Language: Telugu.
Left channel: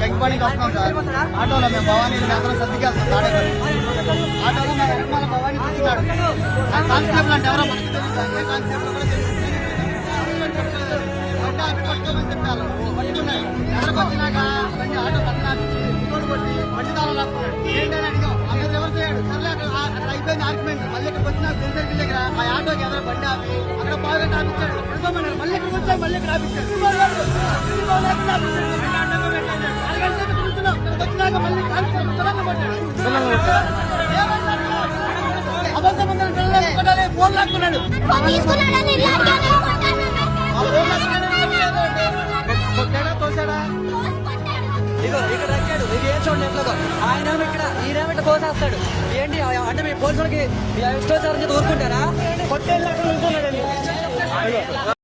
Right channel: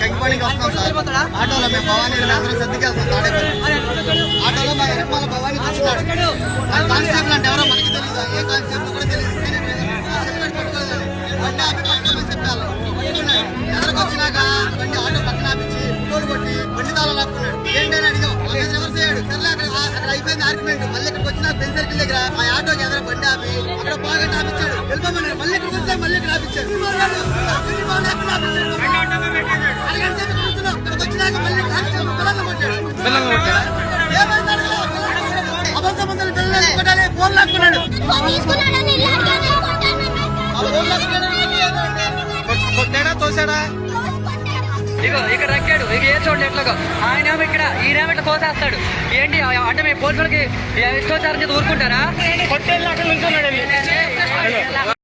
కంకిపాడికి వస్తున్నాం సార్. ఆటోలో మేము భవానీ అందరం సర్దికి వెళ్తాం. తాడేపల్లి ఆటోలో మా ఎనకమాల భవానీ కూర్చున్నాడు. ఆయన కానిస్టేబుల్ అంటే ఎవరో మనకి తెలియదు, ఏ కానిస్టేబుల్ కూడా తెలియదు. బండి ఆపి పట్టుకోమని చెప్పారు. పట్టుకున్నాడు. ఎదరికొచ్చినాక బండి ఆటో పక్కన ఆపించి ఫోటోలు కొట్టి బండి తాళం లాక్కున్నాడు. ఏంటని అడిగాం. ఆ మీద రివర్స్ అయ్యాడు. సర్లే అక్కడ అయిపోయింది ఆర్గ్యుమెంట్. మళ్ళీ ఇక్కడికి వచ్చిన పెన్ సర్కిల్ దగ్గర మా ఆటోకి ఎదురు బండి ఆపి అక్కడ పాగట్టి ఆపించాడు. వెళ్ళిపోమన్నాడు. మళ్ళీ ఇక్కడికి వచ్చా మళ్ళీ ఇక్కడ ఆపించాడు. వచ్చినాక మళ్ళీ కానిస్టేబుల్ పిల్లలు కొట్టాడు. అబద్ధమందరూ పిల్లలు కొట్టాలి. ఫోన్ లాక్కున్నాడు. కొట్టాడా తోసాడా? ఇగో ఇక్కడ రక్కాడు. ఇక ఏ చూడండి ఎట్లాగో ఆయనేమో ఇక్కడ ఈయనేమో ఇట్లా కోసేస్తాడు. ఏంటి అంటే మీ పోలీసులకి ఇష్టోచారం చేసి ఊరుకుంటారా? కొట్టేళ్ళు అక్కడ నుంచున్నాడు.